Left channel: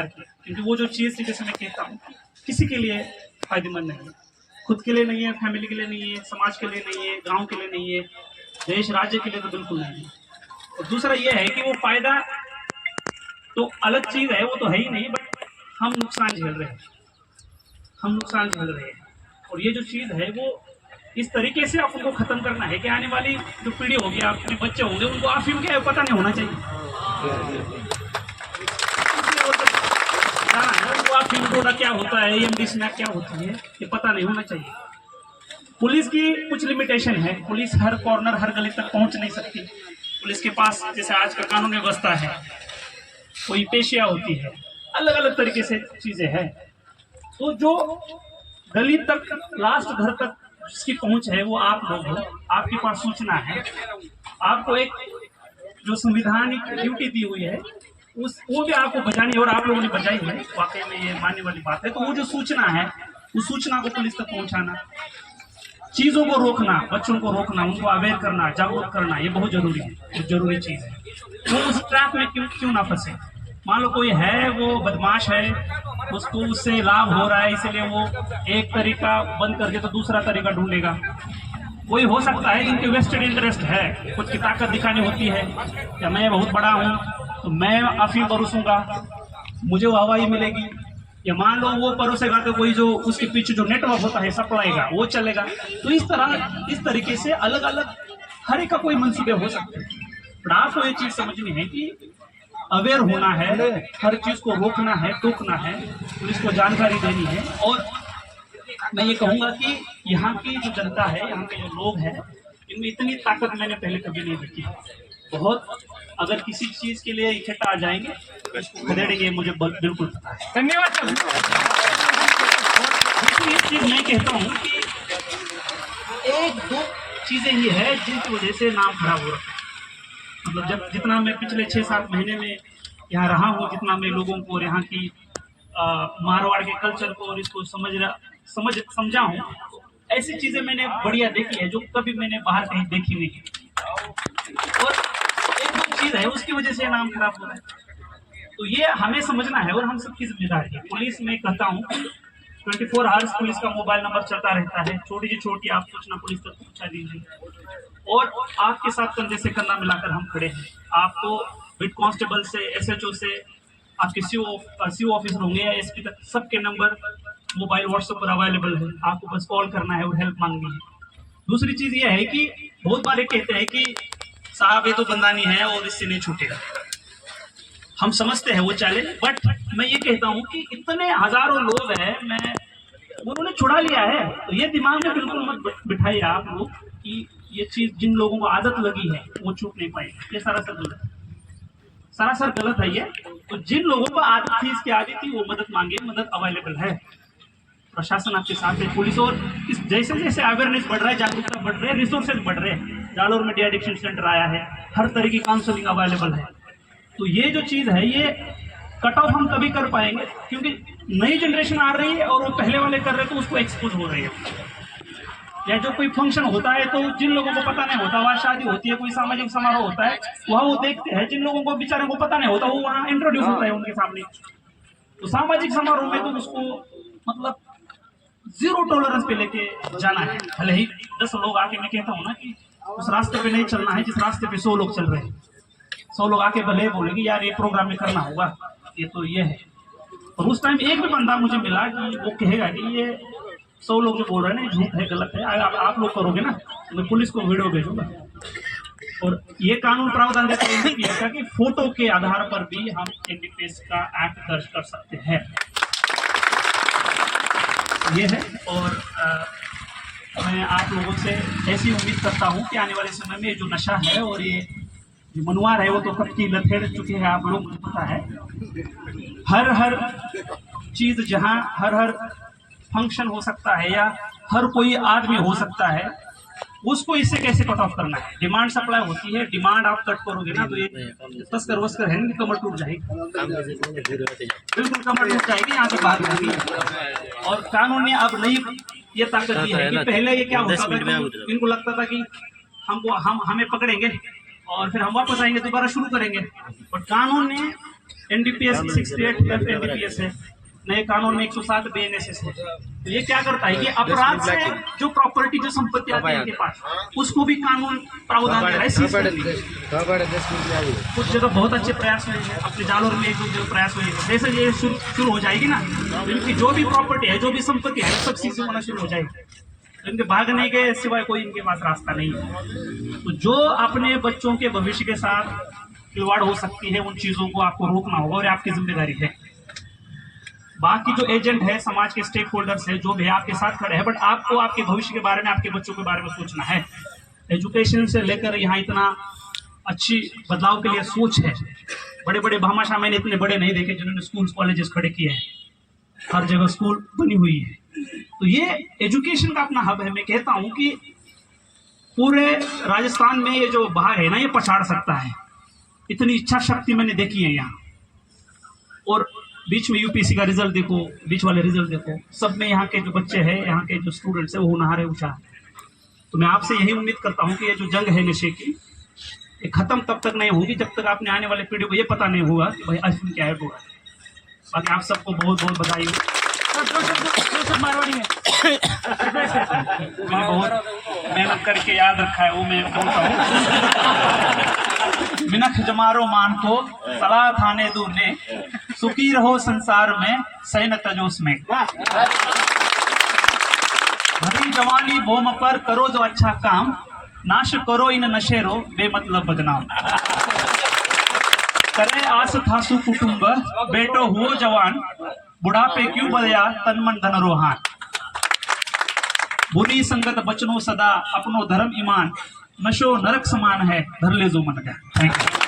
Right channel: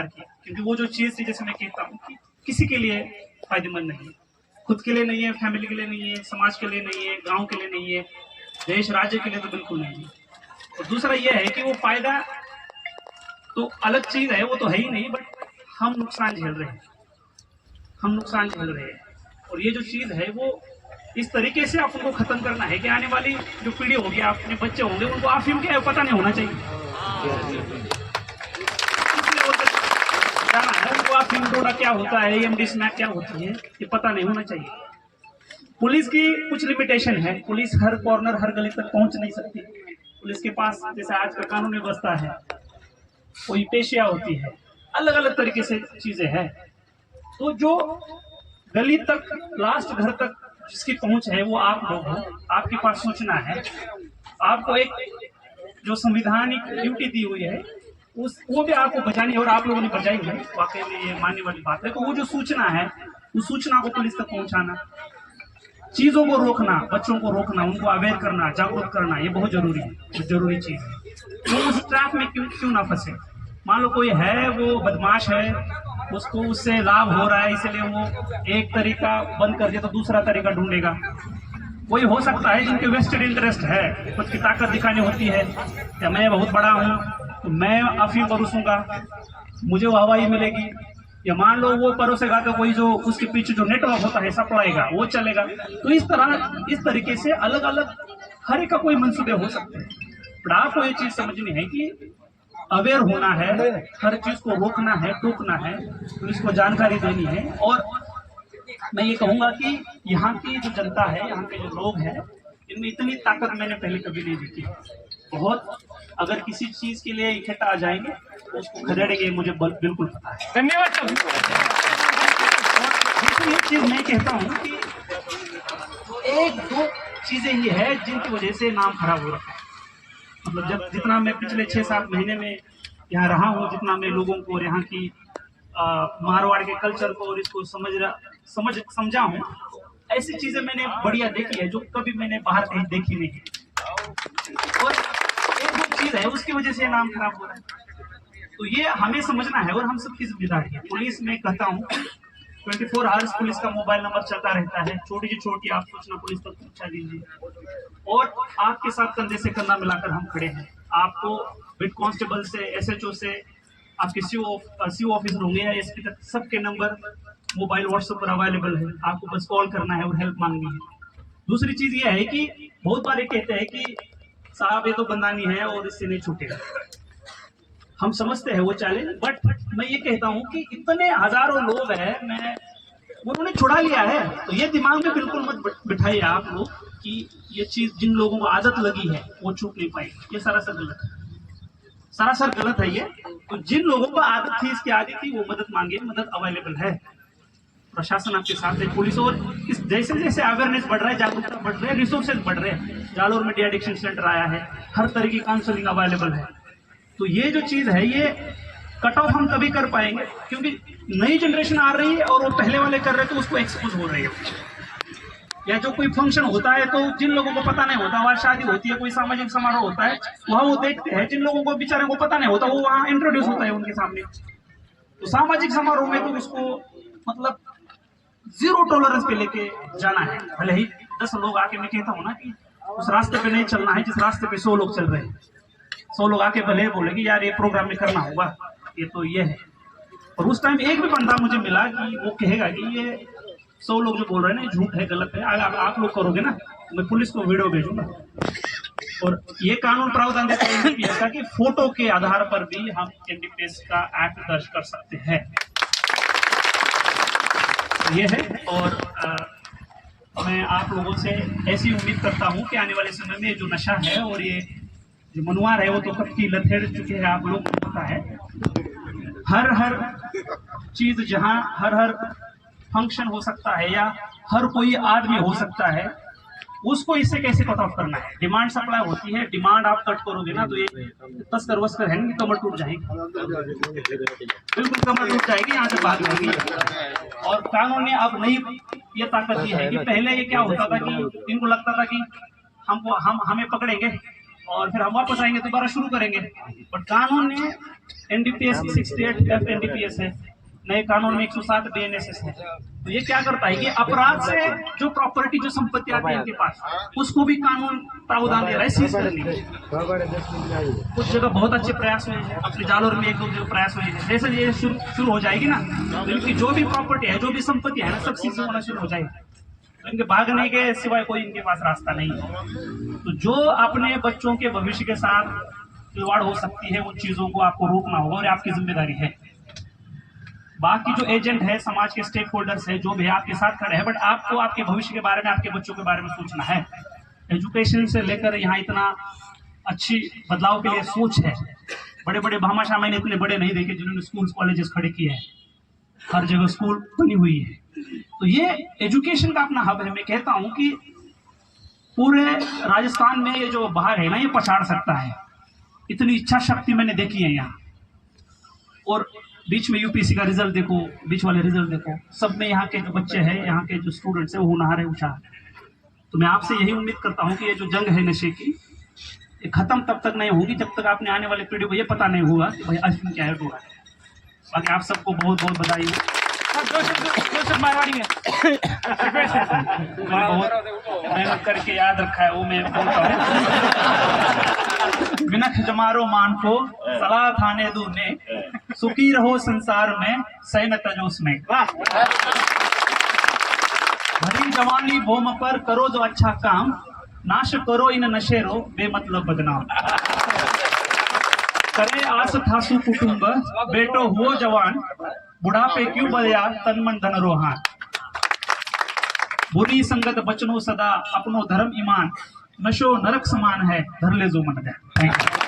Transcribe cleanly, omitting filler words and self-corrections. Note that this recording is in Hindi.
सरकार की, क्योंकि वो जो चीज़ थी, जैसे मैं कहता हूँ कि किसी के लिए फायदेमंद नहीं है, खुद के लिए नहीं है, फैमिली के लिए नहीं है, समाज के लिए नहीं है, गांव के लिए नहीं है, देश राज्य के लिए तो बिल्कुल नहीं है। और दूसरा ये है कि वो फायदा तो अलग चीज़ है, वो तो है ही नहीं, बट हम नुकसान झेल रहे हैं, हम नुकसान झेल रहे हैं। और ये जो चीज़ है वो इस तरीके से आप उनको खत्म करना है कि आने वाली जो पीढ़ी होगी, आपके बच्चे होंगे, उनको अफीम क्या है पता नहीं होना चाहिए। जाना है उनको अफीम गोला क्या होता है, एमडी स्नैक क्या होती है, ये पता नहीं होना चाहिए। पुलिस की कुछ लिमिटेशन है, पुलिस हर कॉर्नर हर गली तक पहुंच नहीं सकती। पुलिस के पास जैसे आज का कानून व्यवस्था है, कोई पेशिया होती है, अलग अलग तरीके से चीजें हैं। तो जो गली तक, लास्ट घर तक जिसकी पहुंच है वो आप लोग हो, आपके पास सूचना है, आपको एक जो संविधानिक ड्यूटी दी हुई है वो भी आपको बचानी है, और आप लोगों ने बचाई है, वाकई में ये मानने वाली बात है। तो वो जो सूचना है, उस सूचना को पुलिस तक पहुंचाना, चीजों को रोकना, बच्चों को रोकना, उनको अवेयर करना, जागरूक करना, ये बहुत जरूरी है, जरूरी चीज है। वो उस ट्रैप में क्यों ना फंसे। मान लो कोई है, वो बदमाश है, उसको उससे लाभ हो रहा है, इसलिए वो एक तरीका बंद करके तो दूसरा तरीका ढूंढेगा। कोई हो सकता है जिनके वेस्टेड इंटरेस्ट है, कुछ की ताकत दिखानी होती है, या मैं बहुत बड़ा हूँ तो मैं अफीम परोसूंगा, मुझे वो हवाई मिलेगी, या मान लो वो परोसेगा तो कोई जो उसके पीछे जो नेटवर्क होता है सप्लाई का, वो चलेगा। तो इस तरीके से अलग अलग हर एक का कोई मंसूबे हो सकते हैं। पर आपको ये चीज समझनी है कि अवेयर होना है, हर चीज को रोकना है, टोकना है, पुलिस को जानकारी देनी है। और मैं ये कहूंगा कि यहाँ की जो जनता है, यहाँ के जो लोग हैं, इनमें इतनी ताकत मैंने पहले कभी नहीं देखी। बहुत अगर किसी चीज के लिए इकट्ठा आ जाएंगे तो इसको खदेड़ेंगे, मुझे बिल्कुल पता है। धन्यवाद। ये चीज मैं कहता हूँ कि एक दो चीजें ही है जिनकी वजह से नाम खराब हो रहा है। मतलब जब जितना मैं पिछले 6-7 महीने में यहाँ रहा हूँ, जितना मैं लोगों को और यहाँ की मारवाड़ के कल्चर को और इसको समझा हूँ, ऐसी चीजें मैंने बढ़िया देखी है जो कभी मैंने बाहर कहीं देखी नहीं। और एक दो चीज है उसकी वजह से नाम खराब हो रहा है। तो ये हमें समझना है और हम सबकी जिम्मेदारी है। पुलिस में कहता हूँ 24 आवर्स पुलिस का मोबाइल नंबर चलता रहता है, छोटी से छोटी आप सूचना पुलिस तक पहुंचा दीजिए। और आपके साथ कंधे से कंधा मिलाकर हम खड़े हैं। आपको हेड कांस्टेबल से, एसएचओ से, आपके सीओ ऑफिसर होंगे या एसपी तक, सबके नंबर मोबाइल व्हाट्सएप पर अवेलेबल है। आपको बस कॉल करना है और हेल्प मांगनी है। दूसरी चीज ये है कि बहुत बार कहते हैं कि साहब ये तो बंदानी है और इससे नहीं छूटेगा। हम समझते हैं वो चैलेंज, बट मैं ये कहता हूँ कि इतने हजारों लोग हैं, उन्होंने छुड़ा लिया है। तो ये दिमाग में बिल्कुल मत बिठाइए आप लोग कि ये चीज जिन लोगों को आदत लगी है वो छूट नहीं पाएगी। ये सरासर गलत है, सरासर गलत है ये। तो जिन लोगों को आदत थी, इसकी आदत थी, वो मदद मांगे, मदद अवेलेबल है, प्रशासन आपके साथ है, पुलिस। और इस जैसे जैसे अवेयरनेस बढ़ रहा है, जागरूकता बढ़ रही है, रिसोर्सेज बढ़ रहे हैं। जालोर में डी एडिक्शन सेंटर आया है, हर तरह की काउंसलिंग अवेलेबल है। तो ये जो चीज है, ये कट ऑफ हम तभी कर पाएंगे क्योंकि नई जनरेशन आ रही है और वो पहले वाले कर रहे हैं, तो उसको एक्सपोज हो रही है। या जो कोई फंक्शन होता है तो जिन लोगों को पता नहीं होता, वहाँ शादी होती है, कोई सामाजिक समारोह होता है, वहाँ वो देखते हैं। जिन लोगों को बेचारों को पता नहीं होता, वो वहाँ इंट्रोड्यूस होता है उनके सामने। तो सामाजिक समारोह में तो उसको मतलब 0 टॉलरेंस पे लेके जाना है। भले ही 10 लोग आके, मैं कहता हूँ ना कि उस रास्ते पे नहीं चलना है जिस रास्ते पे 100 लोग चल रहे हैं। 100 लोग आके भले बोलेंगे यार ये प्रोग्राम में करना होगा, ये तो ये है। और उस टाइम एक भी बंदा मुझे मिला कि वो कहेगा कि ये 100 लोग जो बोल रहे हैं ना, झूठ है, गलत है, अगर आप लोग करोगे ना तो मैं पुलिस को वीडियो भेजूंगा। और ये कानून प्रावधान देता है कि फोटो के आधार पर भी हम एनडीपीएस का एक्ट दर्ज कर सकते हैं। ये है। और मैं आप लोगों से ऐसी उम्मीद करता हूँ कि आने वाले समय में जो नशा है और ये जो मनुआर है, वो तो कब की लथेड़ चुके हैं, आप लोग को पता है। हर चीज जहाँ हर फंक्शन हो सकता है या हर कोई आदमी हो सकता है, उसको इससे कैसे कट ऑफ करना है। डिमांड सप्लाई होती है, डिमांड आप कट करोगे ना तो ये तस्कर वस्कर है, कमर टूट जाएगी, बिल्कुल कमर टूट जाएगी, यहाँ से भाग जाएगी। और कानून ने अब नई ये ताकत दी है कि पहले ये क्या होता था कि इनको लगता था कि हमें पकड़ेंगे और फिर हम वापस आएंगे, दोबारा शुरू करेंगे। और कानून ने NDPS 68 NDPS है, नए कानून में 107 BNSS है। तो ये क्या करता है, ये अपराध से जो प्रॉपर्टी जो संपत्ति आती है इनके पास, उसको भी कानून प्रावधान दे रहा है। कुछ जगह बहुत अच्छे प्रयास हुए हैं, अपने जालोर में एक दो प्रयास हुए हैं। जैसे ये शुरू हो जाएगी ना, तो इनकी जो भी प्रॉपर्टी है, जो भी संपत्ति है, सब चीजें होना शुरू हो जाएगी। तो इनके भागने के सिवाय कोई इनके पास रास्ता नहीं है। तो जो अपने बच्चों के भविष्य के साथ खिलवाड़ हो सकती है, उन चीजों को आपको रोकना होगा और आपकी जिम्मेदारी है। बाकी जो एजेंट है, समाज के स्टेक होल्डर्स है, जो भी आपके साथ खड़े हैं, बट आपको आपके भविष्य के बारे में, आपके बच्चों के बारे में सोचना है। एजुकेशन से लेकर यहाँ इतना अच्छी बदलाव के लिए सोच है। बड़े बड़े भामाशाह मैंने इतने बड़े नहीं देखे जिन्होंने स्कूल कॉलेजेस खड़े किए हैं। हर जगह स्कूल बनी हुई है। तो ये एजुकेशन का अपना हब है। मैं कहता हूँ कि पूरे राजस्थान में ये जो बाहर है ना, ये पछाड़ सकता है। इतनी इच्छा शक्ति मैंने देखी है यहाँ। और बीच में यूपीएससी का रिजल्ट देखो, बीच वाले रिजल्ट देखो, सब में यहाँ के जो बच्चे हैं, यहाँ के जो स्टूडेंट्स हैं, वो होनहार है, होशियार है। तो मैं आपसे यही उम्मीद करता हूँ कि ये जो जंग है नशे की, ये खत्म तब तक नहीं होगी जब तक आपने आने वाले पीढ़ी को ये पता नहीं होगा कि भाई अफीम क्या है, डोरा है। बाकी आप सबको बहुत बहुत बधाई हो। मारवाड़ी है बहुत मेहनत करके याद रखा है, वो मैं बोलता हूँ। मिनख जमारो मान को सलाह खाने दूने, सुखी रहो संसार में सैन तजोस में। भरी जवानी बोम पर करो जो अच्छा काम, नाश करो इन नशेरो बेमतलब बदनाम। करे आस थासु कुटुंब बेटो हुओ जवान, बुढ़ापे क्यों बदया तन मन धन रोहान। बुरी संगत बचनो सदा अपनो धर्म ईमान, नशो नरक समान है धर ले जो मन गया। Thank you.